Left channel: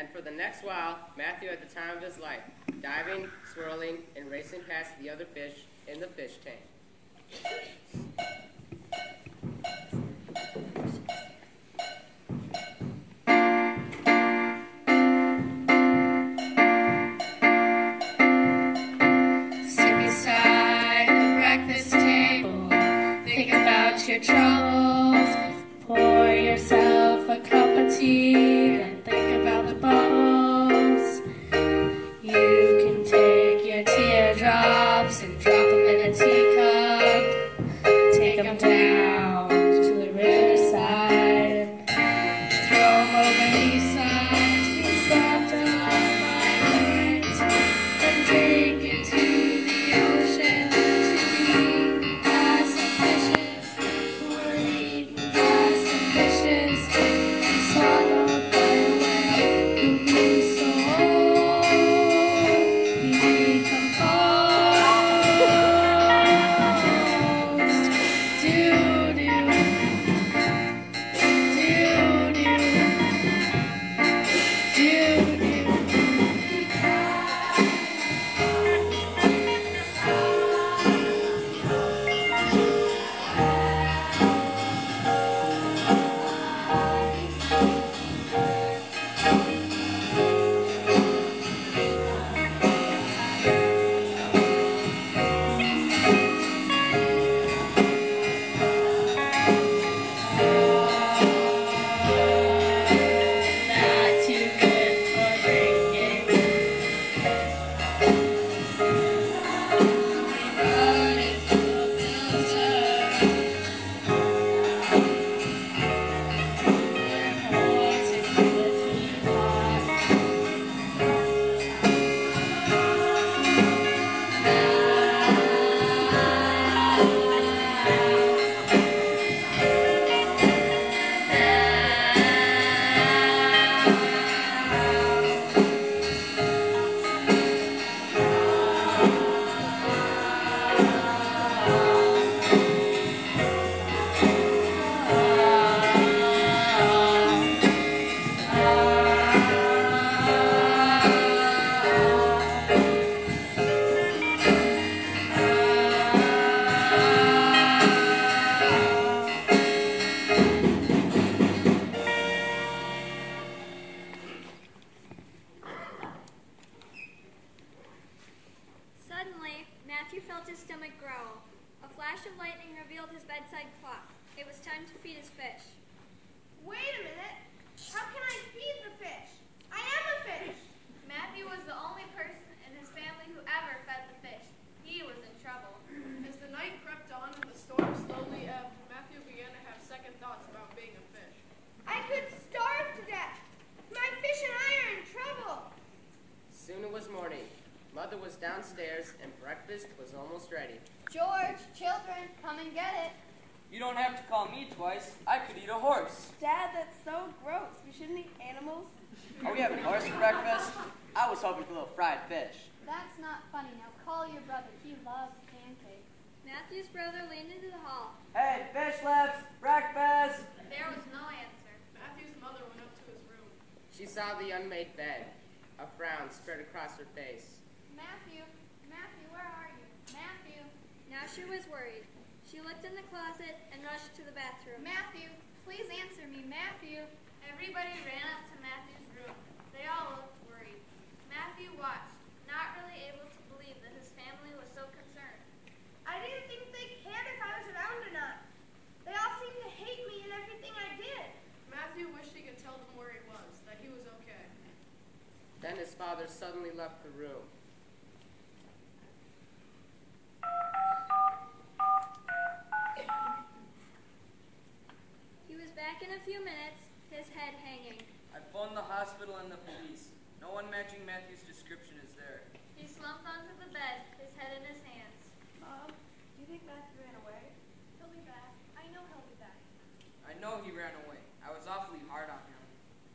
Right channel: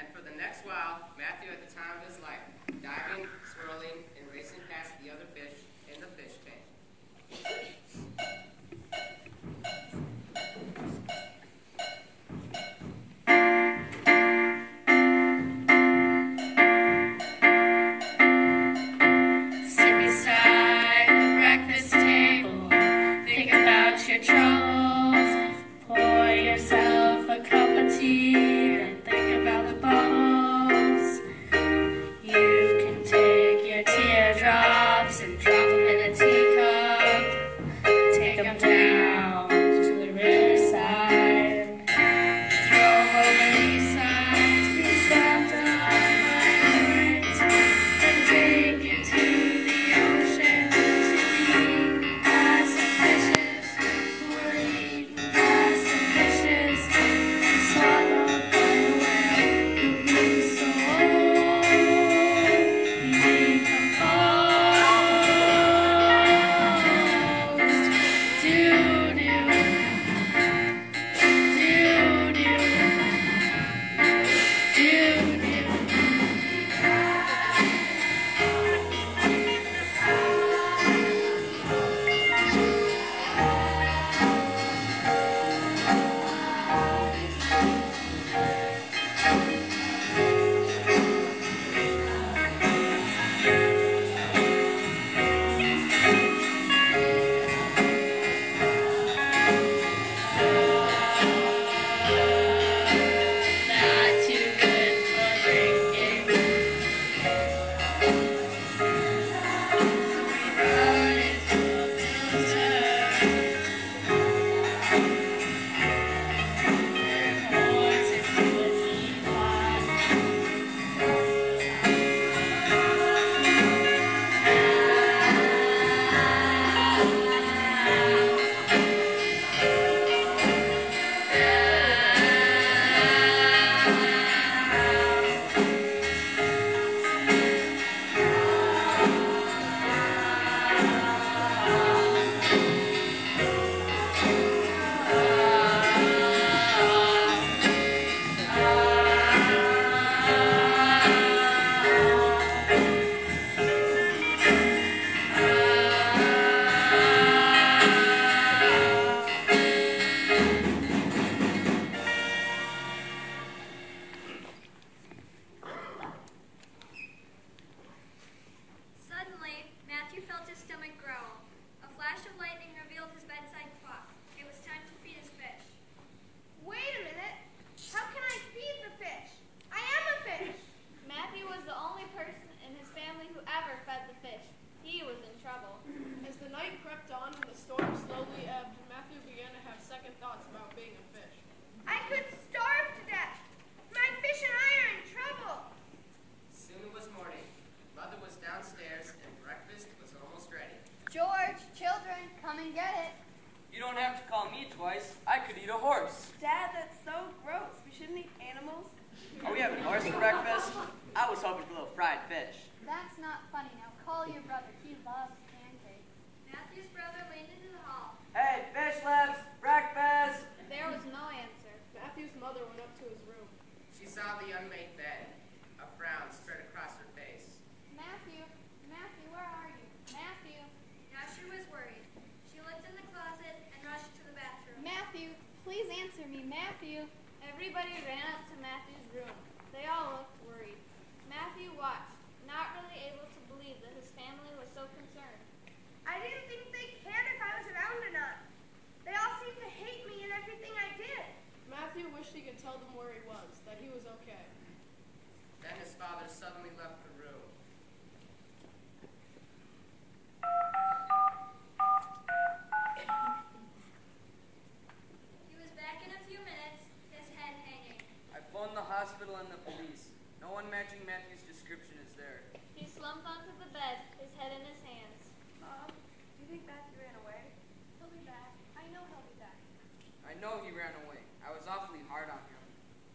And for the next while, Matthew had the time of his life, diving, swirling, and racing past the other fish in the fish tank. Sit beside the breakfast table, think about your troubles, pour yourself a cup of tea, and think about the bubbles. You can take your teardrops and drop them in a teacup, take them down to the riverside, throw them over the side, it's left on my hands, and drink it to the ocean, as ambitious, working as ambitious, and swallowed by a whale who grew so old, he decomposed. Doo-doo, doo-doo, doo-doo. Not too good for drinking. Run into a filter. Holds into a teapot. Suddenly, Matthew felt his stomach growl. A flash of lightning revealed his bedside clock. It was time to feed his fish. Wait a minute. How can I feed the fish? I am a fish. Matthew was the only person in his family who ever fed the fish. He was in trouble. As the night crept on and the storm slowly ebbed, Matthew began to have second thoughts about being a fish. I could starve to death. My fish and I are in trouble. Soon it was morning. Mother was downstairs, and breakfast was almost ready. George, children, come and get it. You don't have to call me twice. I could eat a horse. Dad, that's so gross. We shouldn't eat animals. Are we having horse for breakfast? I was hoping for a little fried fish. That's not funny. Now call your brother. He loves pancakes. Matthew's brother leaned into the hall. Hey, fish lips, breakfast! There was no answer. Matthew's mother went up to his room. She saw the unmade bed. A frown spread across her face. Matthew, where are you? Matthew, Now she was worried. She looked in the closet and rushed to the bathroom. Matthew, please answer me. Matthew. Everybody ran up to Matthew's room. They all looked worried. Matthew watched, not really able to believe that his family was so concerned. I didn't think they cared if I was around or not. They all seemed to hate me and everything I did. Matthew wished he could tell them where he was, that he was okay. Then his father suddenly left the room. He was back in a few minutes, his head hanging. I phoned the hospital and the police. No one matching Matthew's description is there. He slumped onto the bed, his head in his hands. Mom, do you think Matthew ran away? He'll be back. I know he'll be back. I know he ran away. I was awfully hard on him.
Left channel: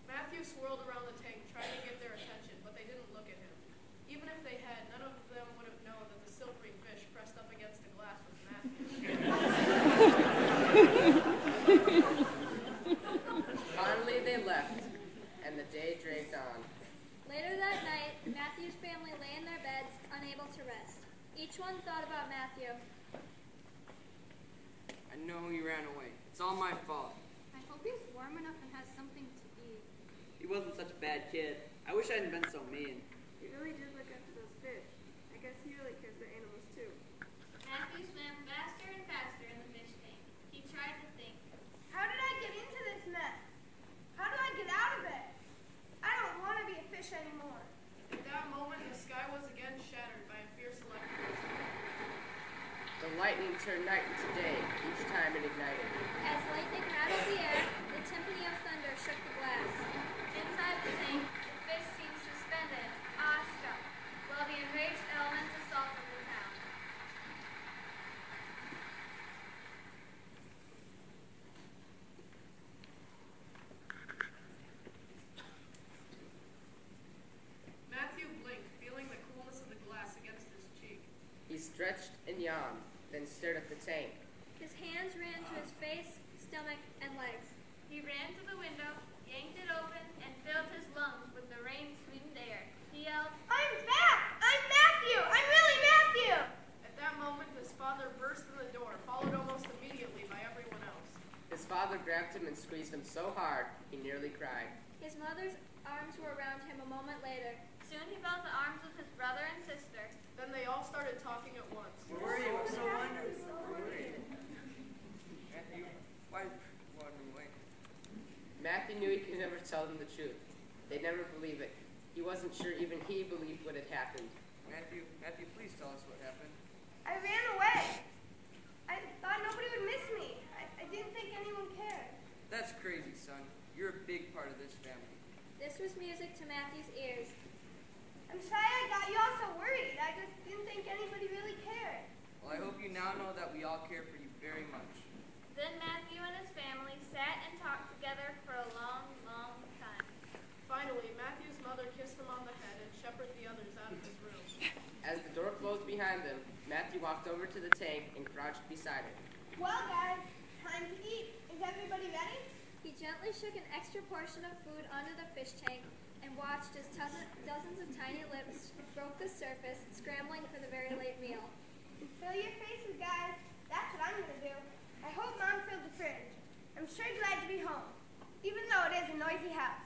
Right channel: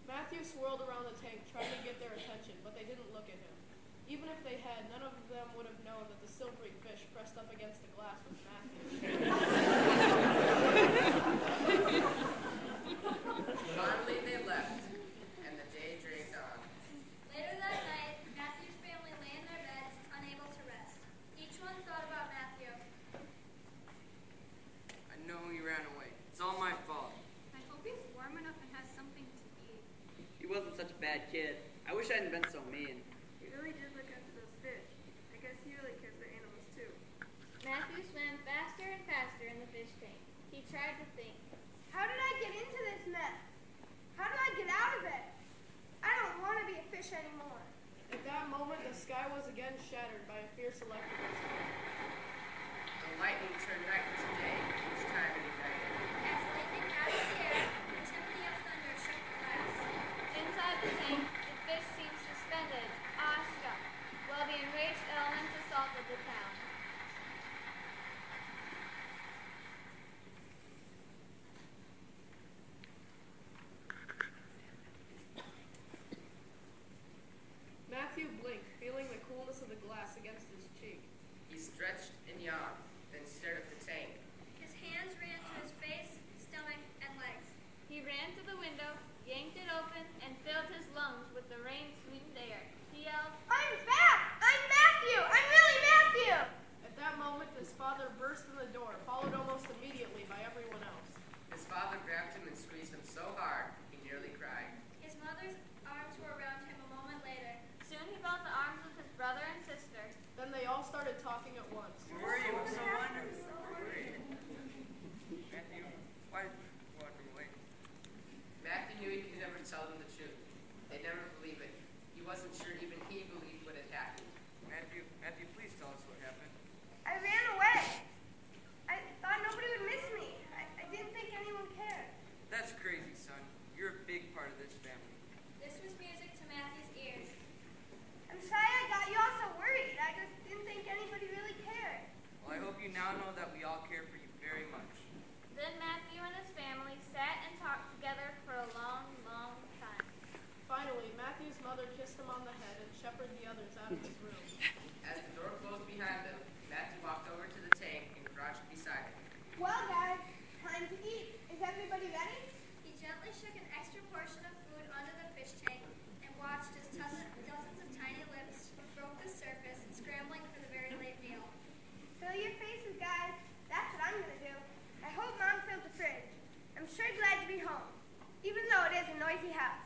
Matthew swirled around the tank, trying to get their attention, but they didn't look at him. Even if they had, none of them would have known that the silvery fish pressed up against the glass was Matthew. Finally they left, and the day dragged on. one thought about Matthew. I know he ran away. It's all my fault. I hope he's warm enough and has something to eat. He wasn't such a bad kid. I wish I hadn't been so mean. He really did look after those fish. I guess he really cared for animals too. Matthew swam faster and faster in the fish tank. He tried to think. How did I get into this mess? How do I get out of it? I don't want to be a fish anymore. At that moment, the sky was again shattered by a fierce electric storm. The lightning turned night into day each time it ignited. As lightning rattled the air, the timpani of thunder shook the glass. Inside the tank, the fish seemed suspended, awestruck, while the enraged elements assaulted the town. Matthew blinked, feeling the coolness of the glass against his cheek. He stretched and yawned, then stared at the tank. His hands ran to his face, stomach, and legs. He ran to the window, yanked it open, and filled his lungs with the rain-sweetened air. He yelled, I'm back! I'm Matthew! I'm really Matthew! At that moment, his father burst in the door, followed almost immediately by everyone else. His father grabbed him and squeezed him so hard he nearly cried. His mother's arms were around him a moment later. Soon he felt the arms of his brother and sister. Then they all started talking at once. Where were you? I'm so wondering. Where were you? Matthew, why run away? Matthew knew he could never tell them the truth. They'd never believe it. He wasn't sure even he believed what had happened. Matthew, please tell us what happened. I ran away. I thought nobody would miss me. I didn't think anyone cared. That's crazy, son. You're a big part of this family. This was music to Matthew's ears. I'm sorry I got you all so worried. I just didn't think anybody really cared. Well, I hope you now know that we all care for you very much. Then Matthew and his family sat and talked together for a long, long time. Finally, Matthew's mother kissed him on the head and shepherded the others out of his room. As the door closed behind them, Matthew walked over to the tank and crouched beside it. Well, guys, time to eat. Is everybody ready? He gently shook an extra portion of food onto the fish tank and watched as dozens of tiny lips broke the surface, scrambling for the very late meal. Fill your faces, guys. That's what I'm going to do. I hope Mom filled the fridge. I'm sure glad to be home, even though it is a noisy house.